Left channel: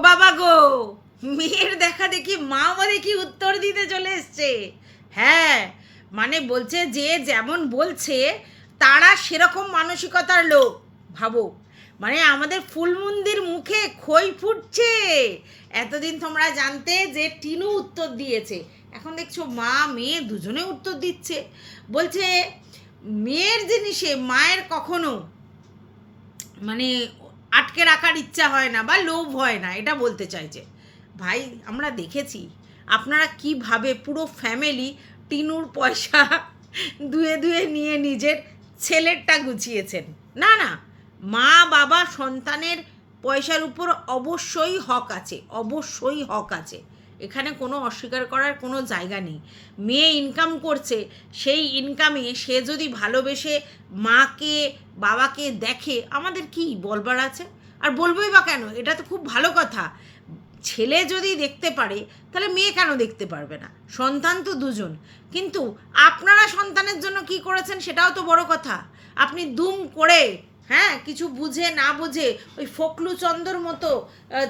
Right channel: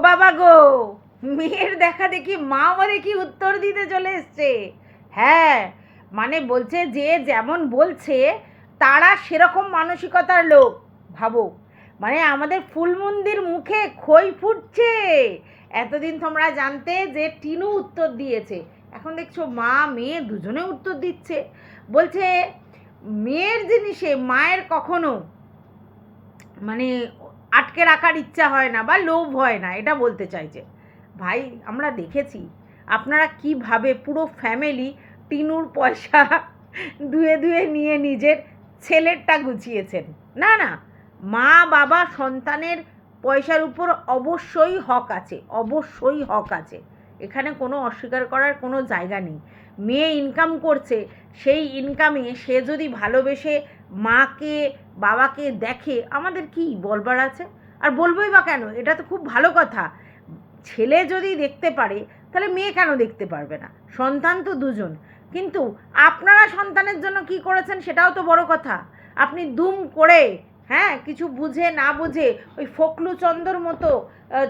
বাবা গো, মেয়ের দেখা দেখি মা বলে কি উত্তর দিতে চলে এসছে? হ্যাঁ মানে বলছে যে যেমন বলছে, তারা সেরকম মানসিকতার লোক, ভাবো। মানে আমাদের ফুলমন্দির মুখে খই ফুটছে। এতদিন তোমরা জানতে যে টিনু উত্তর দিয়েছে। এখন দেখছ মা, মেয়ে দুজনে উত্তর দিচ্ছে। বলছে, মেয়ের জিনিসে মায়ের কখনো মানে আটকে রাখার ইচ্ছা হয় না বা লোভ হয় না, এটা বলতে চাইছে। ভাই, আমরা দেখেছি, আপনারা কীভাবে পুরো ফ্যামিলি টিনুর পয়সা ধুয়ে ধুয়ে নিয়ে নিজের ছেলেরটা গুছিয়েছেন। না না, মা, বাবা, সন্তানের পয়সার উপর অবশ্যই হক আছে, অবশ্যই হক আছে। এখানে কোনো অস্বীকার করার কোনো জায়গা নেই। মেয়ে ইনকাম করছে, সেই ইনকামে সে যদি ভালোবেসে মাকে, বাবাকে দেখে, আমাদের কি বলবার আছে? আর বলবোই বা কেন? এটা তো খুব ভালো কথা। ছেলে যদি দেখতে পারে, তাহলে মেয়ে কেন দেখতে পারবে না? সন্তান তো দুজন। কিন্তু আপনারা সন্তানের জন্য কি করেছেন সেটাও তো বড় কথা। আপনি দুম করে হ্যাঁ কিছু বুঝে না বুঝে ওই ফকলু চন্দর মতো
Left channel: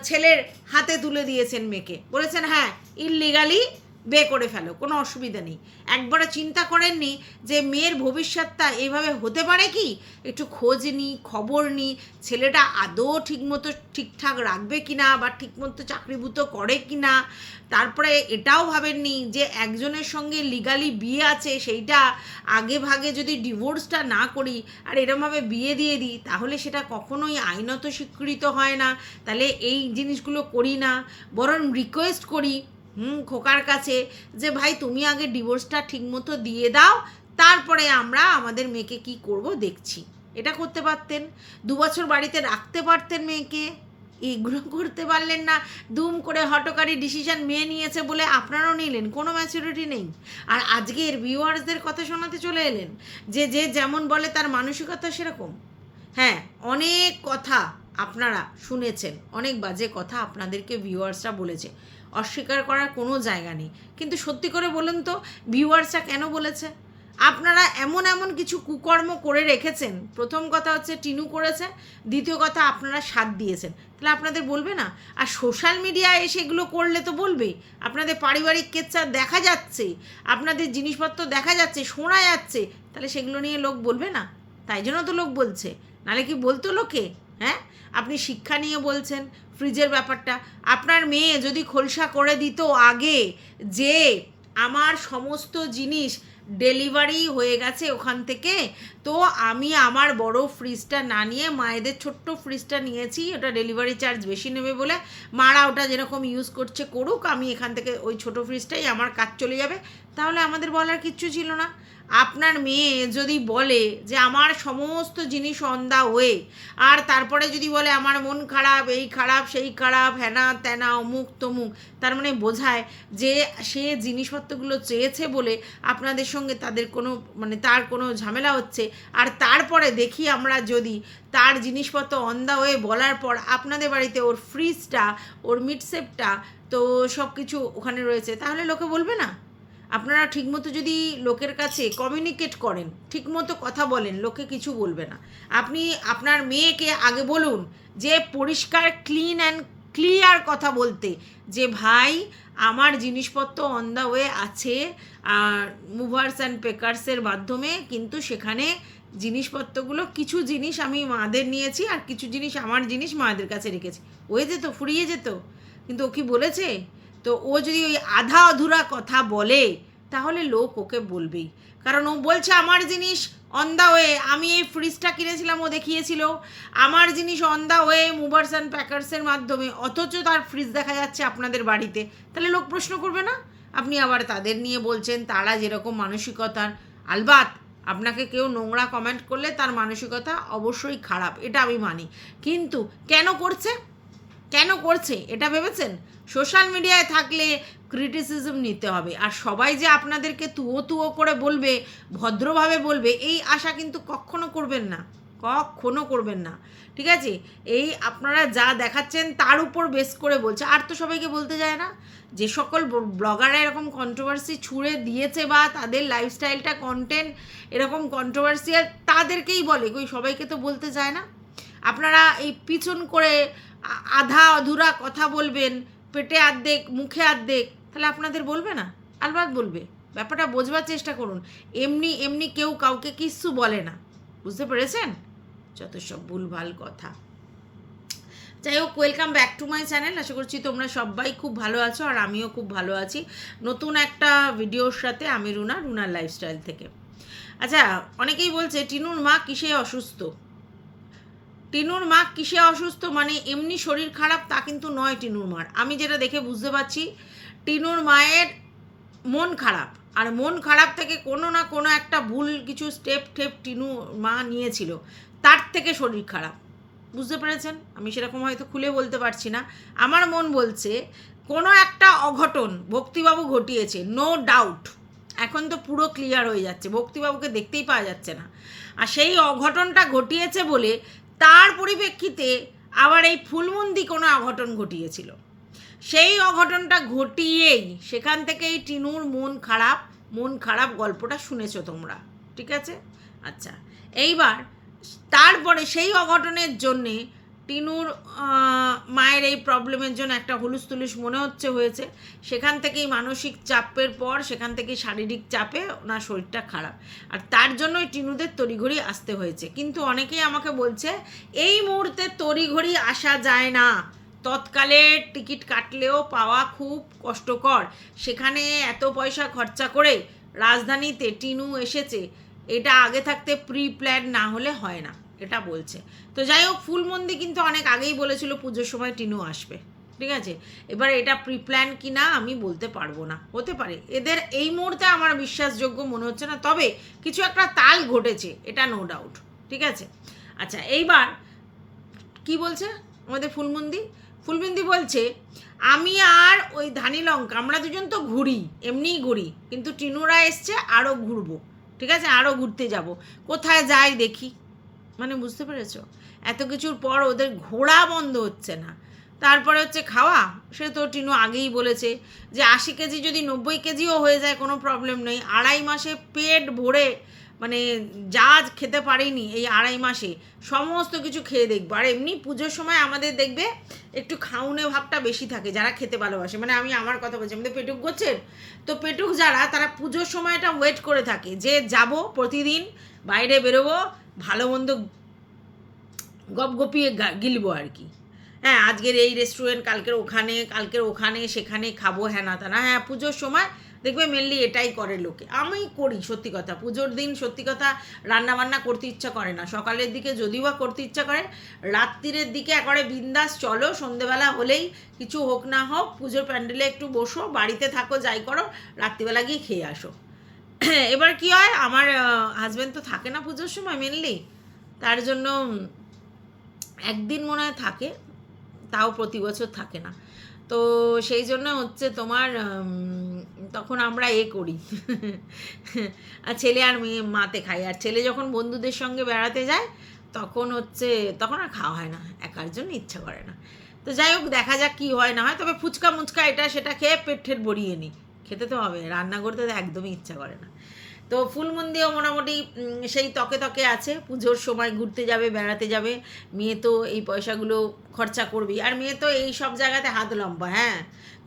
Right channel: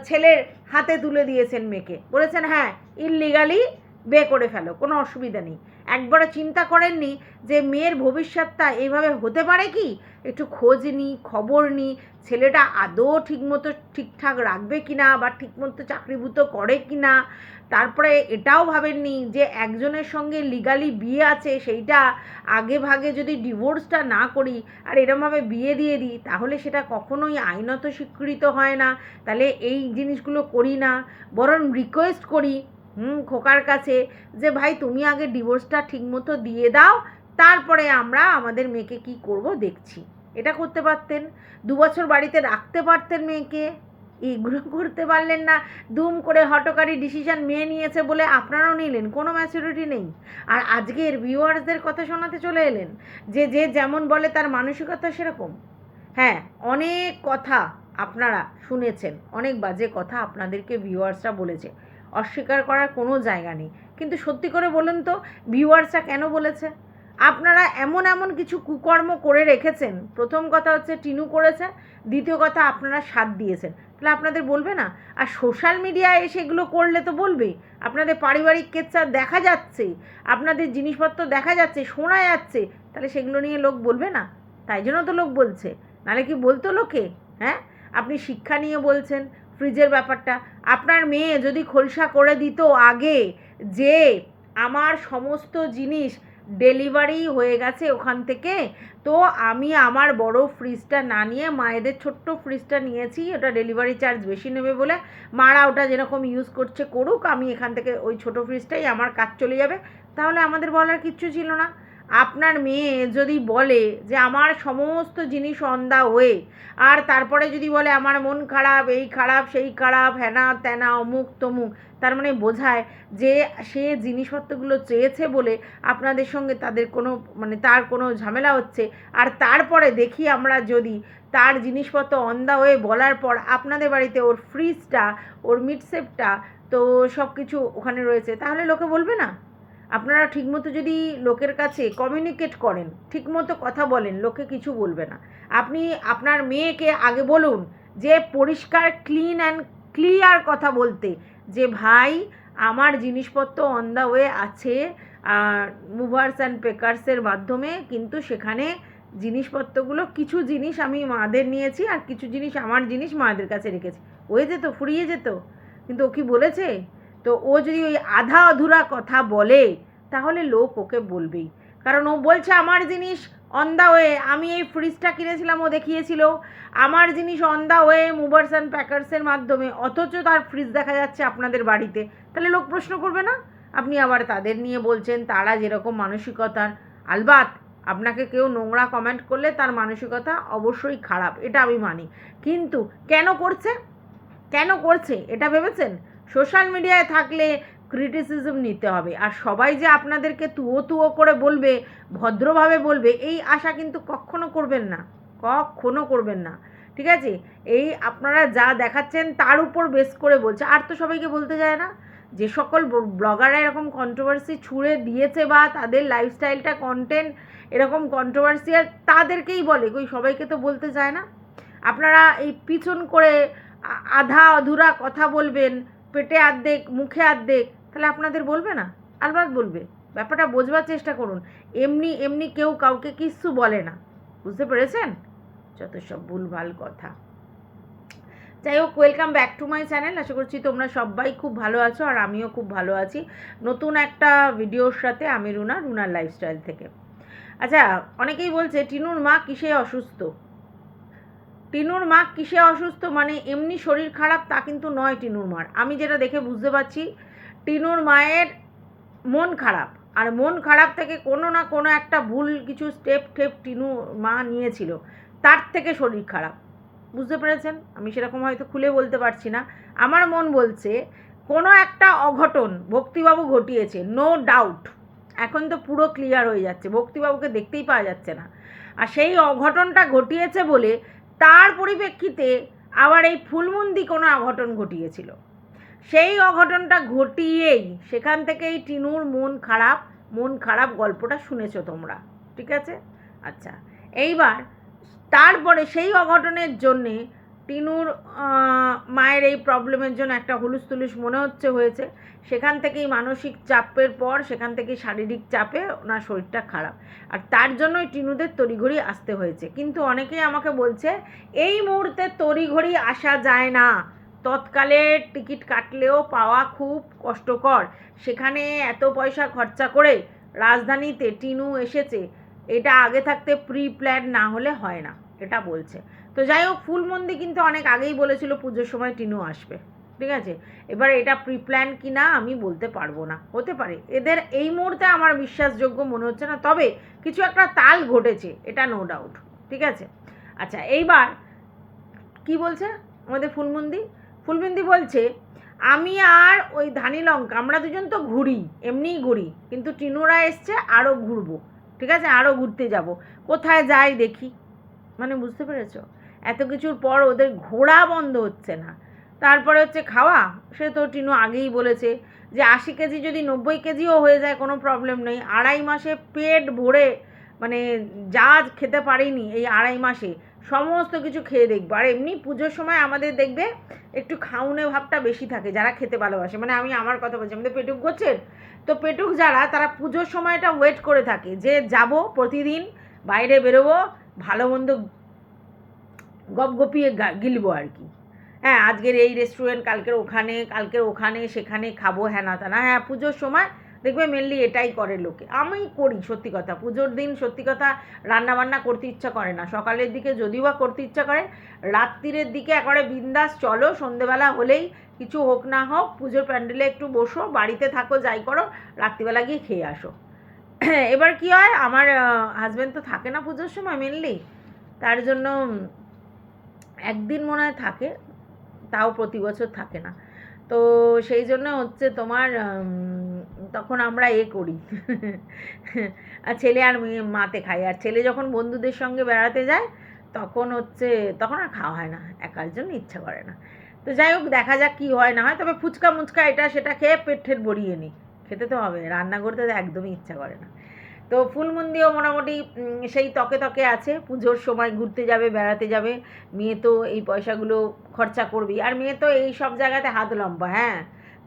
ছেলের হাতে তুলে দিয়েছেন মেয়েকে। বলেছেন হ্যাঁ ইললিগালি বে করে ফেলো, কোনো অসুবিধা নেই। একবারও চিন্তা করেননি যে মেয়ের ভবিষ্যৎটা এইভাবে হতে পারে কি? একটু খোঁজ নি, খবর নি, ছেলেটা আদৌ ঠিকমতো ঠিকঠাক রাখবে কি না বা ঠিকমতো চাকরিভূত করে কি না তারপরে এটাও ভাবেননি যে একজনের সঙ্গে লিগালি বিয়ে আছে, সেইটা আগে ভাগে যদি ডিভোর্সটা না করি আর এরমভাবে বিয়ে দিয়ে দিই, তাহলে সেটা কখনোই আইনত স্বীকৃত হয় না। তাহলে এই জিনিসগুলো করি না। বরং রিকোয়েস্ট করি হুম, খোকার কাছে যে, ভাই, তুমি আগে ডিভোর্সটা ঠিকমতো দিয়ে দাও, তারপরে আমরা আমাদের মেয়েকে কি করব দেখছি। এটা করতে পারতেন। দু বছর বাড়িতে রাখতে পারতেন মেয়েকে। এগুলো করতে পারলেন না। দুম করে হটকারী ডিসিশন মেয়ে নিয়েছে বলে আপনারাও নিলেন, কোনো ম্যাচুরিটি নেই। আর আজকের ভিউয়ার্সদের কথা শোনাতে চলে এলেন, যে যে যেমন বলে তার মানসিকতা সেরকম। হ্যাঁ অনেক কথা আপনারা শুনেছেন, অনেক বাজে কথা আপনাদেরকে ভিউয়ার্সরা বলেছে। অস্বীকার করার কোনো জায়গা নেই। কিন্তু সত্যি করে বলুন তো, ভিউয়ার্সরা কেন বলেছে? আপনারা এমন এমন কিছু কুকর্ম করে রেখেছেন। প্রথম কথা হচ্ছে টিনু করেছে, দ্বিতীয় কথা আপনারা সাথ দিয়েছেন। তাহলে আপনাদের বলবে না? আর সোশ্যাল মিডিয়ায় সেগুলো করলে তো বলবে। আপনাদের পারিবারিক কেচ্ছা দেখা যাচ্ছে, আপনাদের জিনিসপত্র দেখা যাচ্ছে, শোনা যাচ্ছে। তাহলে সেগুলো নিয়ে লোক বলবে না? তাই জন্য তো লোক বলছে। নাহলে কি বলতো লোকে? হ্যাঁ? আপনি শিক্ষা নিয়ে বলছেন ফ্রিজের ব্যাপারটা। আপনার মেয়ে যদি খোলসা করে দিত আগে যে আমার সমস্ত জিনিস ডেলিভারি হয়ে গেছে ওখান থেকে, তো আমি আমার বড় ফ্রিজটা না নিয়ে মায়েদের ছোট্ট ফ্রিজটা নিয়েছি, ওটা ডেলিভারি চার্জ বেশি নেবে বলে মারা ওটা যেরকম ইউজ করছে করুক, আমি এখান থেকে ওই ছোট ফ্রিজটাই আমার কাজ চলে যাবে। তাহলে আমাদের বলার কিচ্ছু ছিল না। আপনার মেয়ে যদি বলে যে আমার সমস্ত জিনিস অন্দা হয়ে আর তারপরে যদি বলে আমার মন খারাপ, এই খারাপ, সেই খারাপ হ্যানা ত্যানা অমুক তমুক, তার মানে বোঝায় যে সে জিনিসপত্রগুলো চেয়েছে বলে আপনাদের সঙ্গে তাদের কোনো মানে তার কোনো ঝামেলা হচ্ছে। আর তারপরে দেখি আমরা যদি তার জিনিসপত্র অন্দা হয়ে বলার পর আপনাদের বাড়িতে ওর ফ্রিজটা ওর মিটসেপটা তো সব কিছু ওখানে রয়েছে, তাহলে লোকে বলবে না? আপনারা ঠিকমতো যদি লোকের কাছে কমিউনিকেট করেন, ঠিকমতো কথা বলেন, লোকে কিছু বলবে না। আপনি আপনার মেয়েকে আগে বলুন যে পরিষ্কার ক্লিন অ্যান্ড ক্লিয়ার কথা বলতে, যে ভাই, আমার জিনিসপত্র অন দ্য ওয়ে আছে মুভার্স অ্যান্ড পেকার্সের মাধ্যমে, কিন্তু সেখানে জিনিসপত্রগুলো, কিছু জিনিস আমি মাদের নিয়েছি আর কিছু জিনিস আমার জিনিস মাদের কাছে রেখেছি। হয়ে যেত, ফুরিয়ে যেত। কিন্তু ও কি বলেছে? তো ও যদি ওই আধা অধুরা কথা বলে, তাহলে লোক ওকে বলবেই। কারণ ও বলছে, আমার জিনিস অন দ্য ওয়ে আমি এই ফ্রিজটা কিনেছিলাম, ও দেখিয়েছিল। আমার জিনিস on the way movers and প্যাকার্সের মাধ্যমে, অথচ তার ফ্রিজ দেখা যাচ্ছে আপনাদের বাড়িতে। তাহলে লোক প্রশ্ন করবে না? আপনি আবার তাদের নিয়ে বলছেন, তারা যেরকম মানসিকতার। আলবাত, আপনাকে কেউ নোংরা কমেন্ট করলে তার মানসিকতা অবশ্যই খারাপ, এটা আমি মানি। কিন্তু কেন করছে? কেন করছে? এটা ভেবেছেন? সোশ্যাল মিডিয়ায় থাকলে ক্রিটিসিজম নিতে হবে। আর সবাই যে আপনাদেরকে তুয়ো তুয়ো করে বলবে, ভদ্রভাবে বলবে, এই আশা কিন্তু কখনো করবেন না। কখনো করবেন না। ঠিক আছে? এই আপনারা যা দেখাচ্ছেন তার উপর বেস করে বলছে। আর তো সবাইকে বলতে যায় না। যে সকল ব্লগাররা এরকম কন্ট্রোভার্সি ছুঁড়ে দিয়েছে বা তাদের লাইফস্টাইলটা কন্টেন্ট এরকম কন্ট্রোভার্সিয়াল তাদেরকেই বলে। ওই সবাইকে তো বলতে যায় না। আপনারা এই পিছন করে আধা অধুরা কথা বলবেন, পেটে আর্ধেক, মুখে আর্ধেক, তাহলে আপনাদের বলবে না? আলবাত বলবে। ব্যাপারটা বোঝবার চেষ্টা করুন। এমনি এমনি কেউ কাউকে কিচ্ছু বলে না। বুঝতে পেরেছেন? যত সব ভুলভাল কথা। যাই হোক welcome back to my channel আশা করছি তোমরা সবাই খুব ভালো আছো আর আমিও খুব ভালো আছি নতুন একটা ভিডিওর সাথে আমি রুনা, রুনার লাইফস্টাইল থেকে। আচ্ছা অনেকেই বলছে, টিনুর মা কিসে অসুস্থ? টিনুর মা কিসে অসুস্থ? মানে এমনি শরীর খারাপ তা কিন্তু নয় টিনুর মার। আমি যেটা দেখে বুঝতে পারছি, টিনুর মায়ের মন খারাপ। আর মন খারাপ থেকে কোনো না কোনো একটা ভুল কিছু স্টেপ টেপ টিনু মা নিয়েছিল। তার থেকে শরীর খারাপ। বুঝতে পেরেছেন? আমি সেরকম হয়তো খুলে বলতে পারছি না। আমার মন বলছে, কোনো একটা অঘটন ভক্তিবাবু ঘটিয়েছে নো ডাউট এখন তো পুরো ক্লিয়ার হয়ে যাচ্ছে। ভক্তিবাবুকে দেখতেই পাওয়া যাচ্ছে না। আর সেই অঘটনটা ঘটিয়েছে বলে তার পরিপ্রেক্ষিতে আবার এই ফুলমন্দি কোনো অঘটন ঘটিয়েছিল। সেই অঘটনটা ঘটিয়েই সেখান থেকেই টিনুর মন খারাপ মন খারাপ গল্পটা শুনেছ তোমরা, ঠিক আছে? আচ্ছা এইবার তারপরে সেই অঘটনের জন্যে টিনুর মায়ের এই প্রবলেমের জন্য একটা হুলুস তুলুস মনে হচ্ছে, হয়েছে। সেখান থেকেই মানসিক চাপের পর সেখান থেকেই শারীরিক চাপে ওনার শরীরটা খারাপ। আর তার জন্যই টিনুদের তড়িঘড়ি আসতে হয়েছে। কিন্তু অনেকেই আমাকে বলছে, এই মুহূর্তে তড়িঘড়ি আসা যায় না। তৎকালে টিকিট কাটলেও পাওয়া খুব কষ্টকর। সেখানে এত পয়সা খরচা করে রাজধানীতে টিনু এসেছে। এটা আগে থাকতে প্রি প্ল্যান না হলে হয় না। এটা বলছে। তো যাই হোক ফুলমন্দি কিন্তু অনেক আগেই বলেছিল পুজোর সময় টিনু আসবে, ঠিক আছে? এবার এটা প্রি প্ল্যান কি না আমি বলতে পারব না, হতে পারে। এদের এই মুহূর্তে আমার বিশ্বাসযোগ্য মনে হচ্ছে না, তবে কিছু একটা তাল ঘটেছে, এটা নো ডাউট ঠিক আছে? আচ্ছা এইবার কি বলছে আমাদের ফুলমন্দি ফুলমন্দি বলছে, আমি আর ওই ধানি লঙ্কা আমরা দুজন তো ঘুরি, এমনিই ঘুরি, কিন্তু টিনুরা এসছে আরও ঘুরবো, ঠিক আছে? আরও ঘুরতে যাব, কোথায় যাই দেখি। মানে বুঝতে পেরেছ? এত কিছুর পর ওদের ঘোরা বন্ধ হচ্ছে না। তারপরে হচ্ছে খাওয়া, সে তো টিনু আগেই বলেছে যে আশি কেজি যদি নব্বই কেজিও হয়ে যায় কোনো প্রবলেম নেই। আড়াই মাসে পেট ভরে মানে যা খেতে পারিনি এই আড়াই মাসে, সমস্ত কিছু খেয়ে দেখব। আর এমনি পুজোর সময় আমাদের দেখবে একটু খাউনে ভাবটা বেশি থাকে, যারা খেতে ভালোবাসে। মানে আমি আমার কথা বলছি, আমাদের পেটুক গোছের, তো পেটুক যারা, তারা পুজোর সময়টা ওয়েট করে থাকে যে যাব প্রতিদিন, বাইরে বেরোবো, ভালো মন্দ গপগপিয়ে গা- গিলবো আর কি। হ্যাঁ আজকের এই রেস্টুরেন্ট কালকের ওখানে কালকের ওখানে, সেখানে খাব হ্যাঁ না তা না হ্যাঁ পুজোর সময় দেখবে মেনলি এটাই করে লোকে। আমি করি সত্যি কথা, পুজোর দিন সত্যি কথা রান্না বান্না করতে ইচ্ছা করে না। সকালের দিকে যদিও বা করতে ইচ্ছা করে, রাত্রিরের দিকে একবারে বিন্দাস চলো, সন্ধেবেলা হলেই কিছু হোক না হোক, পুজোর প্যান্ডেলে একটু বসো, বাড়িতে থাকো, যাই করো, রাত্রিবেলা গিয়ে খেয়ে আসো। এবার কি হয়, আমার হাজব্যান্ড তো থাকে না পুজোর সময় মেনলি তার জন্য একদিন মনে হয় থাকে, তাও প্রতি বছর থাকে না। তো সেই জন্য হচ্ছে তোমার তখন আমরা এ করি। আর ছেলে আর মেয়ে মাতে খাই আর ছেলে যখন বন্ধুদের সঙ্গে বেড়াতে যায়, তখন হচ্ছে, তখন আর খাওয়া হয় না। একার জন্য ইচ্ছা করে না। তো যাই হোক, দেখা যাক কী হয় না হয়। তবে ফুচকা মুচকা এটা সেটা খেয়ে পেট ঠেট ভরিয়ে নিই। খেতে তো হবে। রান্না করতে তো একদমই ইচ্ছা করে না। তো ফুলমন্দিও মোটামুটি সেই তকে তকে আছে। পুজোর সময় ঘুরতে যাবে, বেড়াতে যাবে। মেয়ে তো এই পয়সাগুলো খরচা করবেই। আর মেয়ে তো এই সব জায়গাতে হাত লম্বা হ্যাঁ?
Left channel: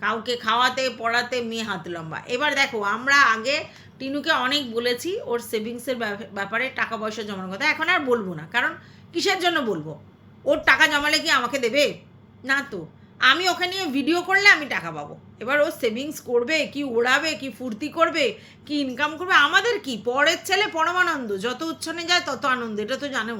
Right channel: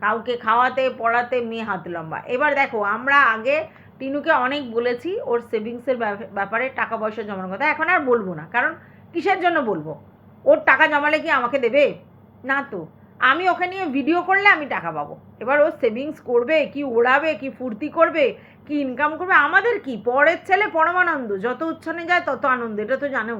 কাউকে খাওয়াতে, পড়াতে মেয়ে হাত লম্বা। এবার দেখো, আমরা আগে টিনুকে অনেক বলেছি, ওর সেভিংসের ব্যাপারে টাকা পয়সা জমানোর কথা। এখন আর বলব না, কারণ কিসের জন্য বলব? ওর টাকা জমালে কি আমাকে দেবে? না তো। আমি ওকে নিয়ে ভিডিও করলে আমি টাকা পাবো। এবার ও সেভিংস করবে, কি ওড়াবে, কি ফুর্তি করবে, কি ইনকাম করবে, আমাদের কি? পরের ছেলে পরমানন্দ, যত উচ্ছনে যায় তত আনন্দ, এটা তো জানো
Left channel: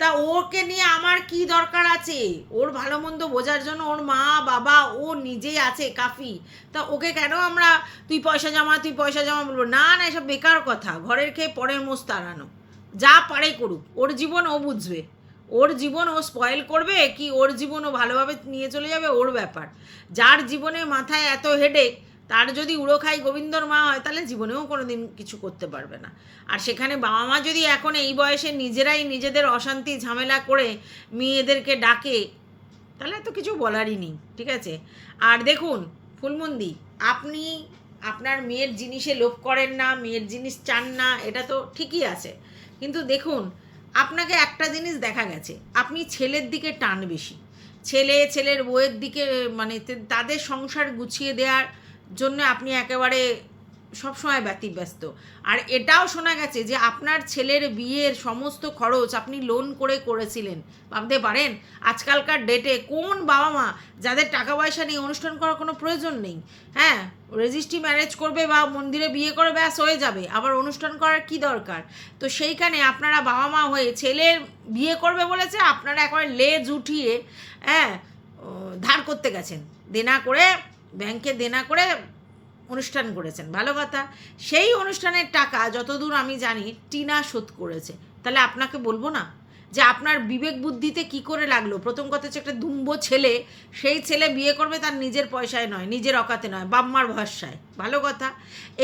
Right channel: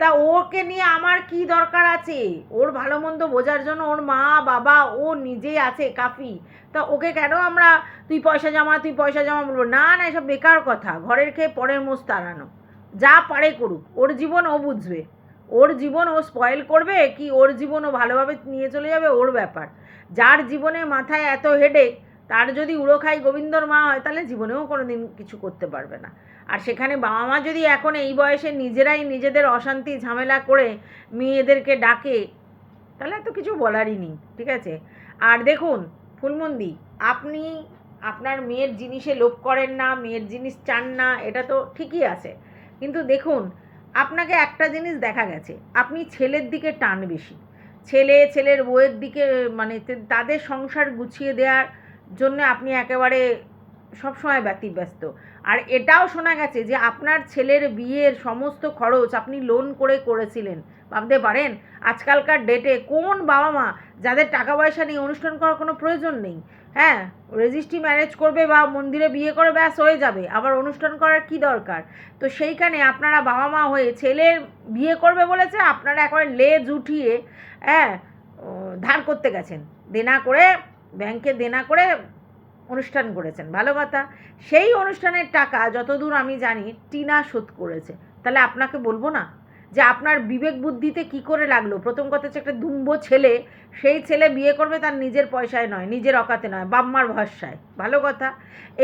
তা ওকে নিয়ে আমার কি দরকার আছে? ওর ভালো মন্দ বোঝার জন্য ওর মা, বাবা, ও নিজেই আছে, কাফি। তা ওকে কেন আমরা তুই পয়সা জমা, তুই পয়সা জমা বলব? না না, এসব বেকার কথা, ঘরের খেয়ে পরের মোষ তাড়ানো। যা পারে করুক, ওর জীবন ও বুঝবে। ওর জীবন ও স্পয়েল করবে কি ওর জীবন ও ভালোভাবে নিয়ে চলে যাবে? ওর ব্যাপার। যার জীবনে মাথায় এত হেডেক তার যদি উড়ো খাই গোবিন্দর মা হয়, তাহলে জীবনেও কোনো দিন কিছু করতে পারবে না। আর সেখানে বাবা মা যদি এখন এই বয়সে নিজেরাই নিজেদের অশান্তি ঝামেলা করে মেয়েদেরকে ডাকে, তাহলে তো কিছু বলারই নেই, ঠিক আছে? আর দেখুন, ফুলমন্দি, আপনি আপনার মেয়ের জিনিসে লোভ করেন না, মেয়ের জিনিস চান না, এটা তো ঠিকই আছে। কিন্তু দেখুন আপনাকে একটা জিনিস দেখা গেছে। আপনি ছেলের দিকে টান বেশি। ছেলে ছেলের বউয়ের দিকে মানে তাদের সংসার গুছিয়ে দেওয়ার জন্য আপনি একেবারে সবসময় ব্যতিব্যস্ত। আর এটাও শোনা গেছে যে আপনার ছেলের বিয়ের সমস্ত খরচ আপনি লোন করে করেছিলেন। ভাবতে পারেন, আজকালকার ডেটে কোন বাবা মা যাদের টাকা পয়সা নিয়ে অনুষ্ঠান করার কোনো প্রয়োজন নেই? হ্যাঁ রেজিস্ট্রি ম্যারেজ করবে বা মন্দিরে বিয়ে করে ব্যাস হয়ে যাবে, আবার অনুষ্ঠান করার কি দরকার? তো সেইখানে আপনারা বাবা মা হয়ে ছেলের বিয়ে করবে বলেছে, আপনারা একবারে লেজ উঠিয়ে হ্যাঁ ধার করতে গেছেন। দেনা করে ব্যাংকে দেনা করে অনুষ্ঠান করেছেন। ভালো কথা, সেই অনুষ্ঠানের টাকা যতদূর আমি জানি টিনা শোধ করেছে। তাহলে আপনাকে বলব না? যে আপনার বিবেক বুদ্ধিতে কি করে লাগল? প্রথম কথা হচ্ছে একটা দুম্ব ছেলে, সেই ছেলে বিয়ে করবে তার নিজের পয়সায় নয়, নিজের অকাতে নয় বাম্মার ভরসায়। ভালো কথা।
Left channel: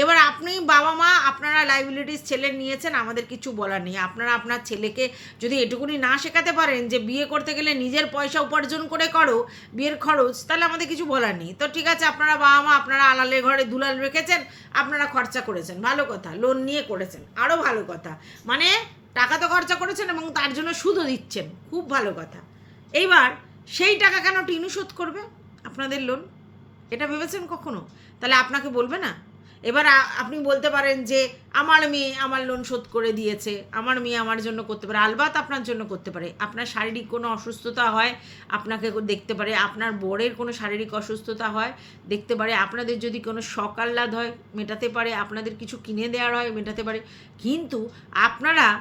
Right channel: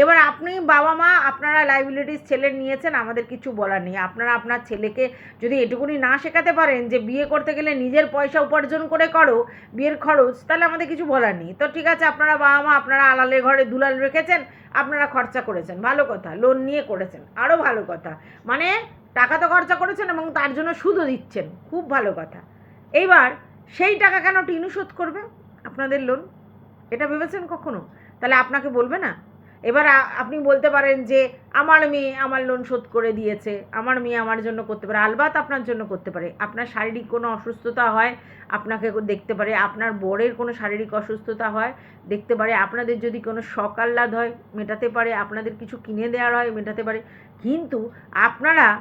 এবার আপনি বাবা মা, আপনারা লাইবিলিটিস ছেলে নিয়েছেন, আমাদের কিছু বলার নেই। আপনারা আপনার ছেলেকে যদি এটুকুনি না শেখাতে পারেন যে বিয়ে করতে গেলে নিজের পয়সা উপার্জন করে করো, বিয়ের খরচ, তাহলে আমাদের কিছু বলার নেই। তো ঠিক আছে, আপনারা বাবা মা, আপনারা আলালের ঘরে দুলাল রেখেছেন, আপনারা খরচা করেছেন। ভালো কথা লোন নিয়ে করেছেন। আরও ভালো কথা। মানে টাকা তো খরচা করেছেন এবং তার জন্য সুদও দিচ্ছেন। খুব ভালো কথা। এইবার সেই টাকা কেন টিনু শোধ করবে? আপনাদের লোন? এটা ভেবেছেন কখনো? তাহলে আপনাকে বলবে না? এবার আপনি বলতে পারেন যে, আমার মেয়ে আমার লোন শোধ করে দিয়েছে। আমার মেয়ে আমার জন্য করতে পারে। আলবাত আপনার জন্য করতে পারে। আপনার শারীরিক কোনো অসুস্থতা হয়, আপনাকে দেখতে পারে। আপনার বরের কোনো শারীরিক অসুস্থতা হয়, দেখতে পারে। আপনাদের যদি কোনো শখ আহ্লাদ হয়, মেটাতে পারে। আপনাদের কিছু কিনে দেওয়ার হয়, মেটাতে পারে। কিন্তু আপনারা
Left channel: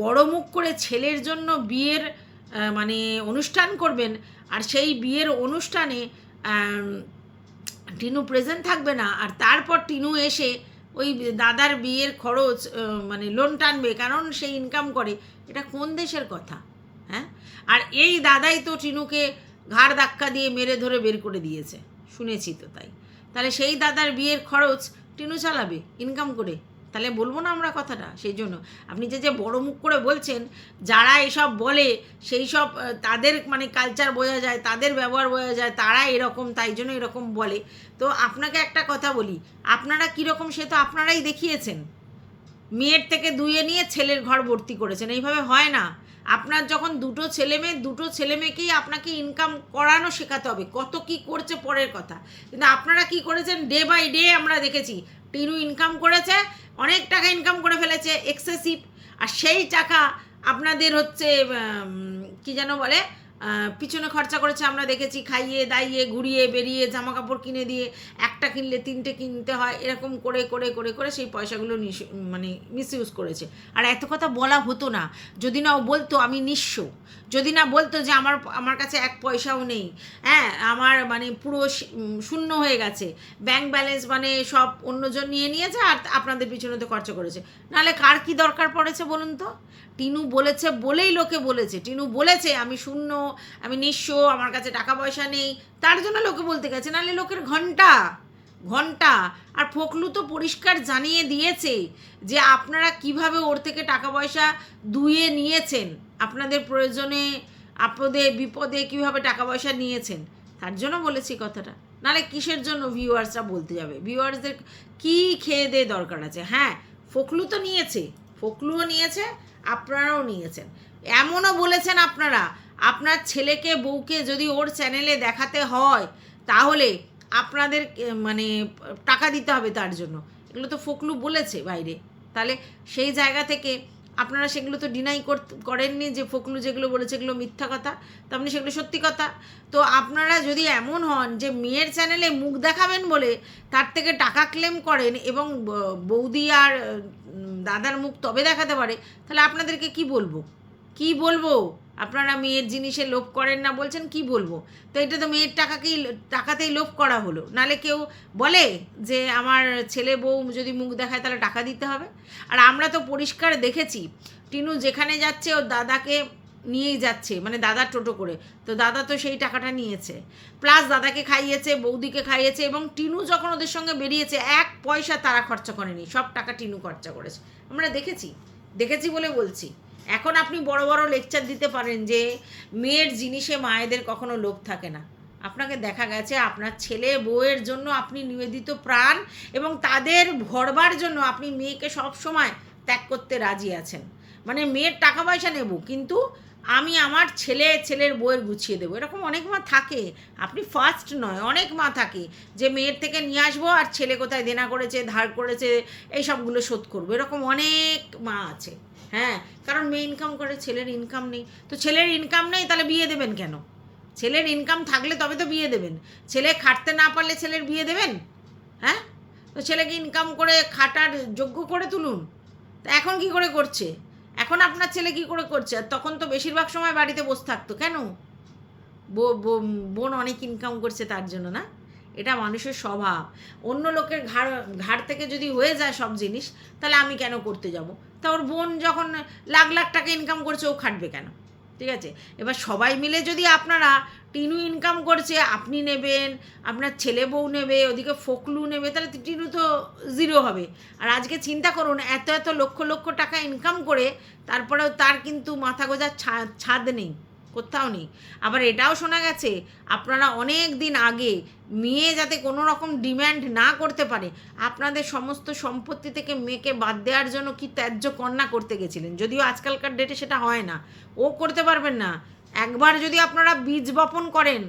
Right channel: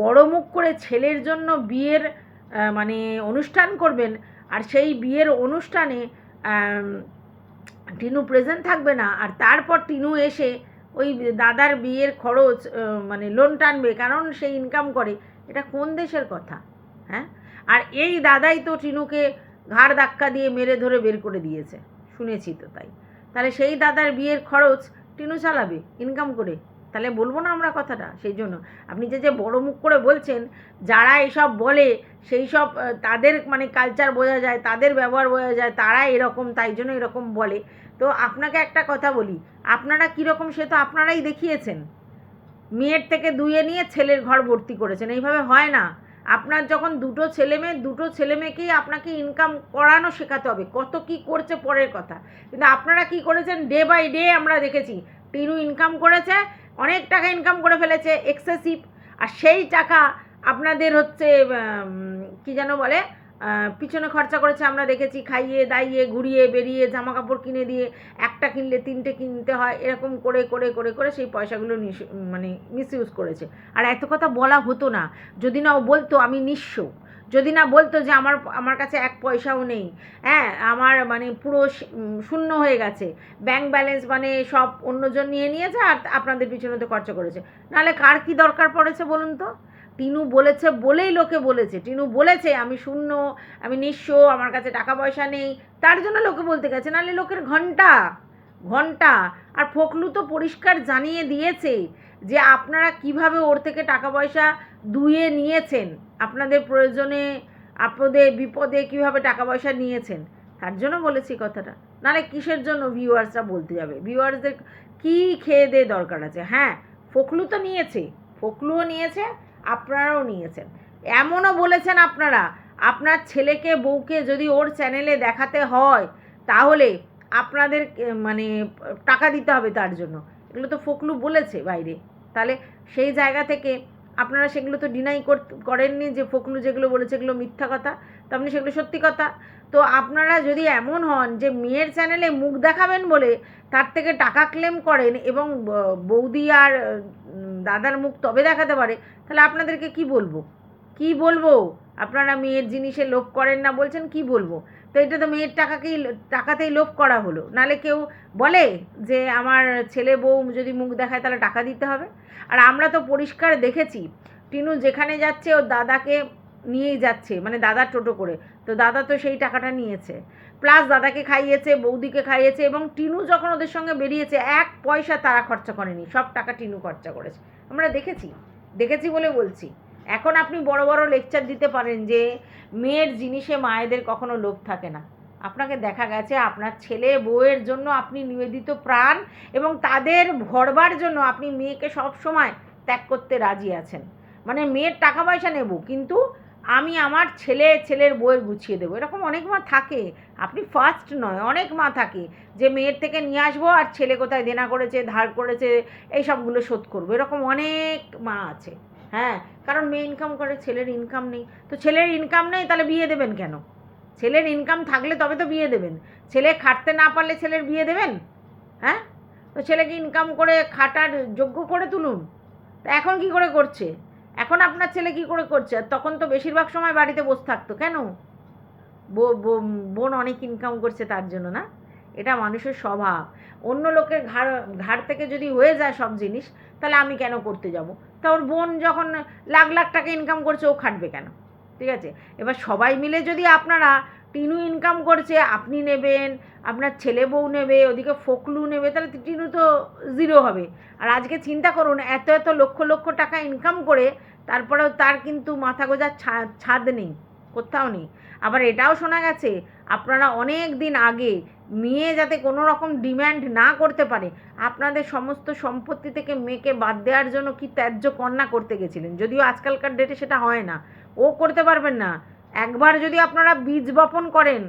বড় মুখ করে ছেলের জন্য বিয়ের মানে অনুষ্ঠান করবেন, আর সেই বিয়ের অনুষ্ঠানে টিনু প্রেজেন্ট থাকবে না, আর তারপর টিনু এসে ওই দাদার বিয়ের খরচ মানে লোন টানবে, কারণ সে ইনকাম করে, এটা কোন দেশের কথা? হ্যাঁ? আর এই দাদাই তো টিনুকে ঘাড় ধাক্কা দিয়ে মেরে ধরে বের করে দিয়েছে, শুনেছি তো তাই। তাহলে সেই দাদার বিয়ের খরচ টিনু চালাবে ইনকাম করে? তাহলে বলব না আমরা কথাটা, সেই জন্য। আপনি যে যে বড় মুখ করে বলছেন, যারা এসব বলে, সেই সব তাদের মানে কালচার বোঝা যায়, তাদের ব্যবহার বোঝা যায়, তারা এরকম, তাই জন্য এরকম বলে। তো আপনাকে একটা কথা বলি, আপনারা কীরকম সে তো আপনারাই দেখিয়েছেন। মেয়ের থেকে দুয়ে নিয়ে ছেলের ঘর ভর্তি করেছেন, এইভাবে হয় না। আপনার যখন দুটো ছেলে মেয়ে, দুটো ছেলে মেয়েকেই আপনাকে ইনকাম করানো শেখাতে হবে, কত কি করছে পরের কথা। কিন্তু আপনারা কি করেছেন ডে বাই ডে আমরা দেখেছি, টিনু ইনকাম করেছে অনেক টাকা ইনকাম করে ফেলেছে এক্সেসিভ আর সেই টাকা আপনাদের হচ্ছে কি যেন বলে পিছনে খরচা করেছে, আমরা দেখেছি খাইয়ে, দাইয়ে, ঘুরিয়ে, বেরিয়ে জামা কাপড় কিনে দিয়ে একটা কিনলে তিনটে কিনতে হয়, এরকম করে করে করে করে সেই পয়সাগুলো মানে মিসইউজ করেছে। আর এত কথা বলা হতো না। যদি না ও বলতো, আমি নিঃস্ব। যদি না বলতো যে আমার আমার কাছে এক পয়সাও নেই। হ্যাঁ আমার মানে পুরো শূন্য হয়ে গেছে। ব্যাংক ব্যালেন্স মানে সব অন্যজন নিয়ে নিয়েছে আর আপনাদের পিছনে তো খরচা করেছে। নাহলে কার কি দরকার পড়েছে বলুন তো? টিনু বলেছে বলেই লোকে বলেছে। টিনু বলেছে, আমি শূন্য আমি নিঃস্ব, আমার কাছে টাকা পয়সা নেই। তার জন্য লোকে বলতে গেছে, নাহলে লোকের ঘণ্টা ঘণ্টা। আর ফখলু তো পরিষ্কার জানিয়ে দিয়েছে যে আপনারা কীভাবে ওর থেকে টাকা পয়সা দুয়ে নিয়েছেন, আপনাদের প্রয়োজনে আপদে বিপদে কীভাবে টাকা পয়সা নিয়েছেন। তার জন্য বলেছি কথাটা। নাহলে কিসের জন্য ভিউয়ার্সরা বলতে যাবে? ভিউয়ার্সদের কি খেয়ে দিয়ে দরকার আছে? হ্যাঁ ফখলু তো নিয়েছে ফখলুও নিয়েছে, আপনারাও নিয়েছেন। এমনও বলেছেন আপনারা আপনার ছেলেকে, বউকে যদি ওর চ্যানেলে দেখাতে হয়, তাহলে আপনাদের মানে টাকা দিতে হবে তার জন্য। এগুলো তো ফকলু বলেছে বাইরে। তাহলে সেই জায়গা থেকে আপনারা সেগুলো তো ডিনাই করেননি যে ফকলু যেগুলো বলেছে এগুলো মিথ্যা কথা। তার মানে সেগুলো সত্যি কথা। তো আপনারা যদি এমন হন যে মেয়ের চ্যানেলে মুখ দেখাবেন বলে তার থেকে টাকা ক্লেম করেন এবং বৌদি আর দাদার মুখ তবে দেখাতে পারে, তাহলে আপনাদেরকে কি বলব? কি বলব? আপনারা মেয়ের জিনিসে লোভ করেন না, বলছেন কি বলব? তো এটা তো মেয়ের টাকাকেই, টাকাতেই লোভ করা হলো। নালে কেউ বলে যে আমার ছেলে বউ যদি মুখ দেখায় তাহলে টাকা দিতে হবে? আর আমরা তো পরিষ্কার দেখেছি, টিনু যেখানে যাচ্ছে ওর দাদাকে নিয়েই যাচ্ছে মানে দাদা টোটো করে। তো দাদা তো সেই টাকাটা নিয়েছে। প্লাস দাদাকে খাইয়েছে, বৌদিকে খাইয়েছে এবং টিনু যখন ওদের সঙ্গে বেরিয়েছে, এক পয়সা তারা খরচা করেনি, সব টাকা টিনু খরচা করেছে। আমরা দেখেছি। দেখেছি বলে বলছি। এখন আপনি বড় বড় লেকচার দিতে পারেন যে, মেয়ের জিনিসে মায়েদের কখনো লোভ থাকে না। আপনাকে দেখা গেছে আপনার ছেলে বউয়ের জন্য আপনি নিবেদিত প্রাণ এবং তাদের ভরবার জন্য আপনি মেয়েকে সব সময় ত্যাগ করতে রাজি আছেন। মানে মেয়ের টাকা পয়সা নেব, কিন্তু আমি আমার ছেলে, ছেলের বইয়ের গুছিয়ে দেবো। এরকম অনেক মা থাকে। আপনি ফার্স্ট নয়, অনেক মা থাকে যে মেয়ের থেকে নিয়ে আসব আর ছেলে কোথায় দেনা করেছে, ধার করেছে এই সবগুলো শোধ করব। এরকম অনেক মা আছে হ্যাঁ? কারণ মেয়ে ইনকাম করে, ছেলের ইনকাম নেই। তো ছেলের ইনকাম নেই, তাহলে বিয়ে দেবেন কেন? ছেলের ইনকাম থাকলে তবে তো বিয়ে দেবেন। ছেলে খাটতে না পারলে ছেলের বিয়ে দেবেন? হ্যাঁ? তো ছেলেকে ইনকাম করে খাটার যোগ্য করে তুলুন। তা এখন কি করে করছে? এখন আপনার ছেলে কি করে করছে? আর তখন তো বেশিরভাগ সময় বাড়িতে বসে থাকতো, কেন? বোন অনেক ইনকাম করছে তার জন্য, না? এটা মানুষের স্বভাব। অন্য লোকের ঘাড় ঘাড় থেকে যদি হয়ে যায় সব জিনিস, তাহলে আমি কেন করতে যাব? তা ওর বোন যখন লাখ লাখ টাকা ইনকাম করছে, ও খাটবে কেন? ঠিক আছে? এবার সবাই মিলে যদি আপনারা টিনু ইনকাম করছে, আপনি নেবেন, আপনার ছেলে বউ নেবে, ওদিকে ফোকলু নেবে, তাহলে টিনু তো জিরো হবে। আর আজকে চিন্তা করুন, এত এত লক্ষ লক্ষ টাকা ইনকাম করে, তারপরেও তার কিন্তু মাথা গোজার ছাদ নেই, কোথাও নেই। আবার এটাও শোনা গেছে, আপনারা অনেক দিন আগে মেয়ে যাতে কোনো রকম ডিম্যান্ড না করতে পারে, আপনাদের সমস্ত সম্পত্তি থেকে মেয়েকে বাদ দেওয়ার জন্য কি ত্যায্য কন্যা করতে গেছিলেন? যদিও আজকালকার ডেটে সেটা হয় না, ও করতে পারবেন না একবার যদি আপনারা বীজ বপন করেন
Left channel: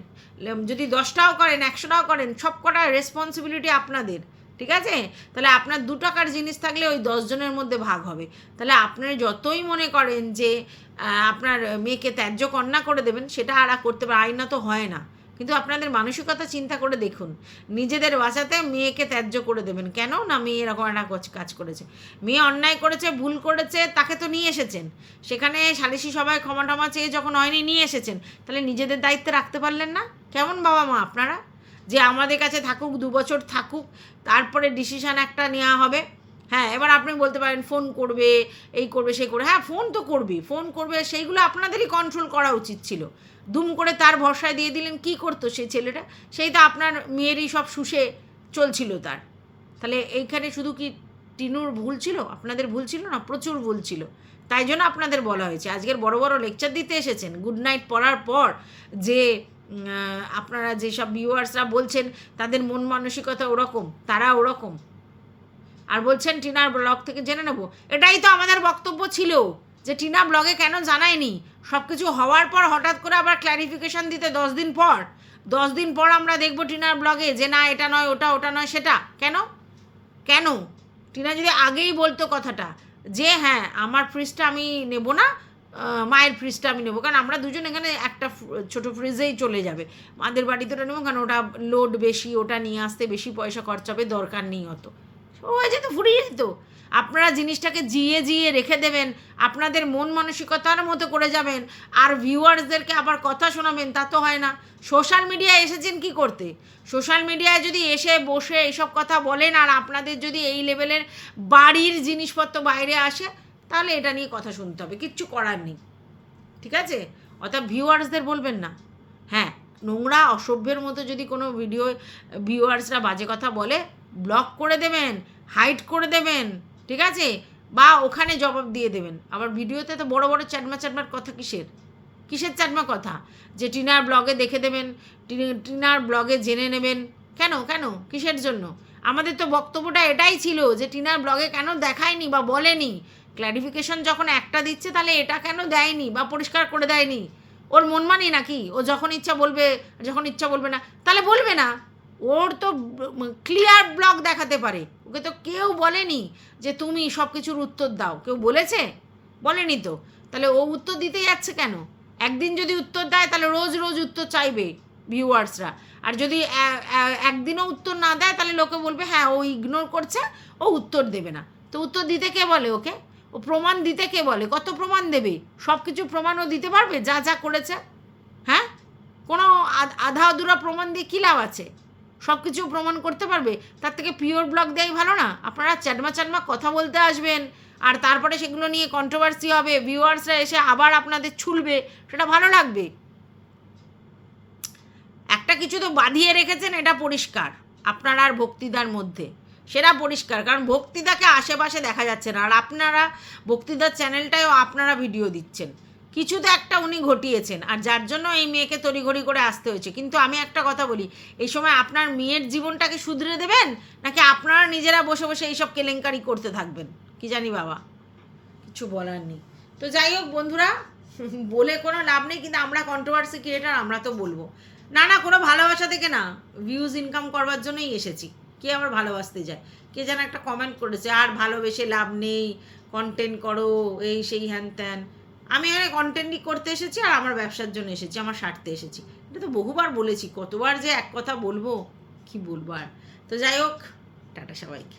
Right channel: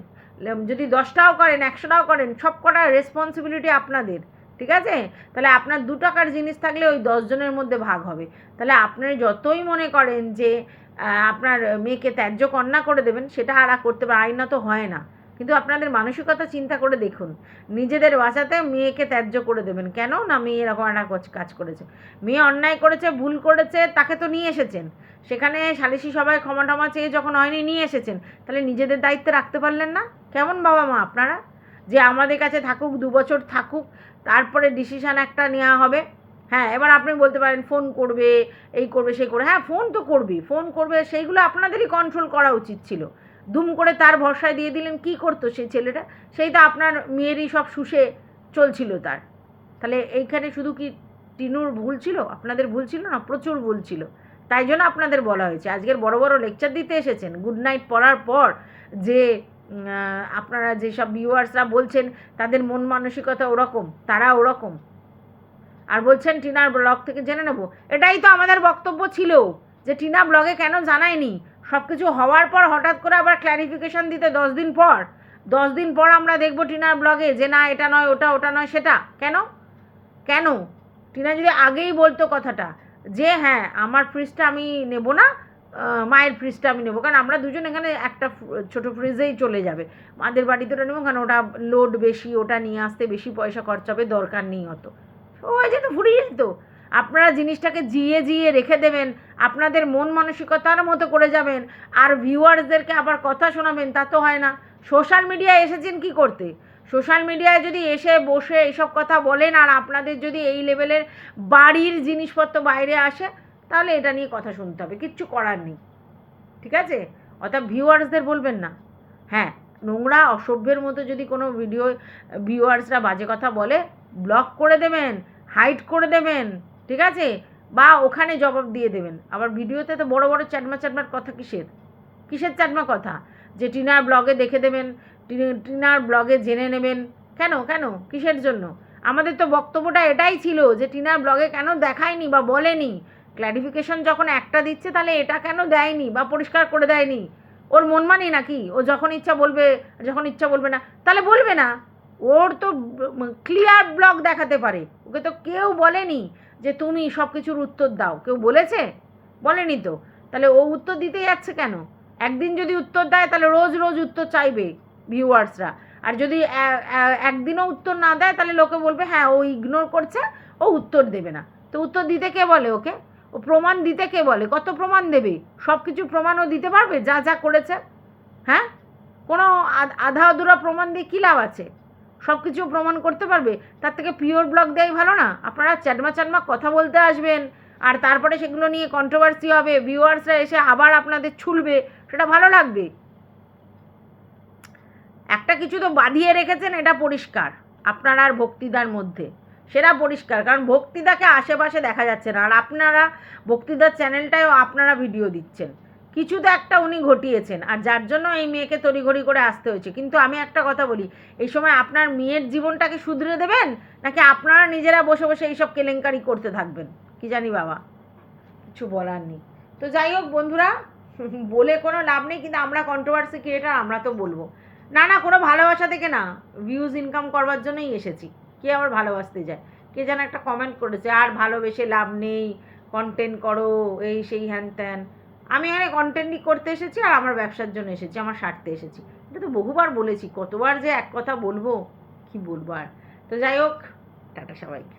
যদি দশটাও করেন, একশোটাও করেন, সব কটা রেসপন্সিবিলিটি আপনাদের, ঠিক আছে? তাহলে আপনার দু টাকার জিনিস থাকলে ওই দশজনের মধ্যে ভাগ হবে। তাহলে আপনার যতই মনে করেন যে আপনার মেয়েকে ত্যায্য কন্যা করে দেবেন, সেটা আর করতে পারে আইনত হয় না। কিন্তু আপনাদের মানসিকতা চিন্তা করে দেখুন। নিজেদের বাঁচাতে মেয়েকে ত্যায্য করে দেবেন। কেন? না, মেয়ে এরকম একটা কাজ- করেছে। মেয়ে অন্যায় করেছে, ভুল করেছে, তাকে তো নিয়ে এসেছেন। সেখানে সালিশি সবাই ক্ষমা টমা চেয়ে যখন হয়নি, নিয়ে এসেছেন। তাহলে নিজেদের দায়িত্বে রাখতে পারলেন না? কেমন বাবা মা আপনারা? যে আমাদের কাছে থাকুক, দু বছর থাকুক, তারপরে ডিসিশান একটা নেওয়া হবে। হ্যাঁ এবার আপনি বলতে পারেন, ফোন করবে, এই করবে, সেই করবে। হ্যাঁ ফোন তো করবি ফোন করবে, সেইগুলো আপনাদেরই কন্ট্রোল করা উচিত ছিল। দুম করে তার ভরসায় দিয়ে দিলেন, কি করতো সেই ছেলেটা? সেই তো আপনার মেয়েরই সব শুষে চলছিল তার। তাহলে এইখানে শুধু কি টিনুর ভুল ছিল? আপনাদের ভুল ছিল না? প্রচুর ভুল ছিল। তাই জন্য আপনাদের বলা হয়েছে। আজকের বড় বড় লেকচার দিতে এসেছেন। গুড নাইট পড়ার পর যে আপনারা যেসব ভিউয়ার্সরা বলছেন, তাদের মন মানসিকতা ওরকম, তারা ওরকম। আর বলছেন, টিনার ব্লগ থেকে জেনে নেব। এটাই তো আমাদের বক্তব্য ছিল যে, টিনা ব্লগে কেন জানায়নি? সব কিছু হওয়ার পর হঠাৎ করে আবার ক্ল্যারিফিকেশন দিতে দশ দিন পর। দশ দিন পর আমরা দেখব টিনার ব্লগে যে না, এটা নয়, ওটা ওটা নয়, সেটা। কেন? কেন? টিনা যদি আগেই বলতো কথাটা যে হ্যাঁ আমার ফ্রিজটা আমি নেব না মায়ের ফ্রিজটা আমি নেব। কারণ আমরা দুজন এখানে একটা ছোট ফ্রিজেই চলে যাবে। মাদের বাড়িতে ওটা নেব, কারণ ওটা লোড বেশি, ওটা নিয়ে আসতে বেশি পয়সা খরচা হবে, দরকার নেই অত। হয়ে যেত ফুরিয়ে যেত আপনারা জিনিসটাকে জিয়ে জিয়ে রেখে দেবেন, আপনাদের মন মানসিকতার মতো করে যাবেন, আর ভিউয়ার্সদেরকে আবার কথা শোনাবেন, তা তো হয় না। সোশ্যাল মিডিয়ায় এসেছেন কি করতে? সোশ্যাল মিডিয়ায় যদি এসে বসে এসব কথা বলেন, আর আপনাদের যদি এই লেভেলের বাড়ির জিনিসপত্র বাইরে আসে, তাহলে এটা নিয়ে কথা শুনতে হবে, কিচ্ছু করার নেই। ঠিক আছে? অর্থাৎ ভিউয়ার্সদের বলবেন না। হ্যাঁ নোংরা, অসভ্যের মতো যদি কোনো ভিডিও ভিউয়ার্সরা বাজে কথা বলে ব্লক করে দেবেন হাইড করে দেবেন। ঠিক আছে? বা ওখানে জবাব দিয়ে দেবেন। আবার ভিডিওতে তো বড় বড় চ্যাটমা চ্যাটমার কথা কিসের? কিসের চ্যাটমা কথা? যে টিনার ব্লগে দেখে দেবেন টিনার ব্লগে জেনে নেবেন। কেন? কেন? কিসের জন্য? আমাদের তো বক্তব্যটা এটাই ছিল যে টিনার ব্লগে কেন দেখায়নি বা বলেনি। ক্ল্যারিফিকেশন যখন একটা দিচ্ছে তাহলে এটা কেন দেয়নি বা পরিষ্কার করে দেয়নি? ওর মন মানি নাকি? ও যখন ইচ্ছা বলবে, যখন ইচ্ছা বলবে না, তাহলে বলবে না। ওর তো ক্লিয়ার ব্লগ দেখাতে পারে। ওকে তো কেউ বলেনি যে তুমি সব কিছুর উত্তর দাও। কেউ বলেছে? বলেনি তো। তাহলে ও উত্তর দিতে যাচ্ছে কেন? একদিন যদি উত্তর দেয়, তাহলে রোজ রোজ উত্তর চাইবে ভিউয়ার্সরা আর যদি একদিনও উত্তর না দেয়, তাহলে লোকে বলবে হ্যাঁ ও ইগনোর করছে, ও উত্তর দেবে না। তো উত্তর দিতে কে বলে ওকে? ও প্রমাণ দিতে কে বলে? কত প্রমাণ দেবে? সব কিছু প্রমাণও দিতে পারবে? যা যা করেছে? হ্যাঁ? কোনো আধ- আধা অধুরা প্রমাণ দিয়ে কী লাভ আছে? সব কিছু প্রমাণ করতে পারবে, তার থেকে পিওর ব্লগ দেয় ভালো না। আপনারা চ্যাটমা চ্যাটমা কথা বলতে আসবেন, আর তারপরে সেগুলো নিয়ে কন্ট্রোভার্সি হবে ভিউয়ার্সরা এসে আবার আপনাদের ছুলবে, সেটা ভালো লাগবে। একটা কিছু তো বাঁধিয়ে রেখেছেন, এটা পরিষ্কার, আপনার আর ভক্তিদার মধ্যে। সেটা পরিষ্কার, কারণ ভক্তিদাকে আশেপাশে দেখা যাচ্ছে না, আর আপনারা ভক্তিদার চ্যানেলটায়ও আপনারা ভিডিও দিচ্ছেন। কিছু তো একটা উনি ঘটিয়েছেন, আর যার জন্য এই মেয়েকে তড়িঘড়ি করে আসতে হয়েছে। কিন্তু আমি একটা কথা বলি, এই সময় আপনার মেয়ের জীবনটাকে শুধরে দেবেন, নাকি আপনারা নিজেরা বসে বসে এইসব কেলেঙ্কারি করতে থাকবেন? কি জানি বাবা, কিছু বলার নেই। তো যাই হোক বন্ধুরা, বলে কোনো লাভ নেই, কিন্তু আমরা কন্ট্রোভার্সি ক্রিয়েটার আমরা তো বলব। না না, কোনো ভালোবাসা থেকে না ভিউজ ইনকাম করবার জন্যই এসেছি। কে আবার ভালোবাসতে যায়? কে যেন একটা কমেন্ট করেছে, আর ভালোবেসে লাভ নেই কন্টেন্ট করো, এই, সেই, হ্যান, ত্যান। আমি এখানে কন্টেন্টই করতে এসেছি আর আমার ব্যবসার জন্য এসেছি, আমার স্বার্থে এসেছি। এটা তো বহুবার বলেছি, কতবার যে এক কথা বলব, কি বলব আর? তো যাই হোক, টাটা সবাইকে।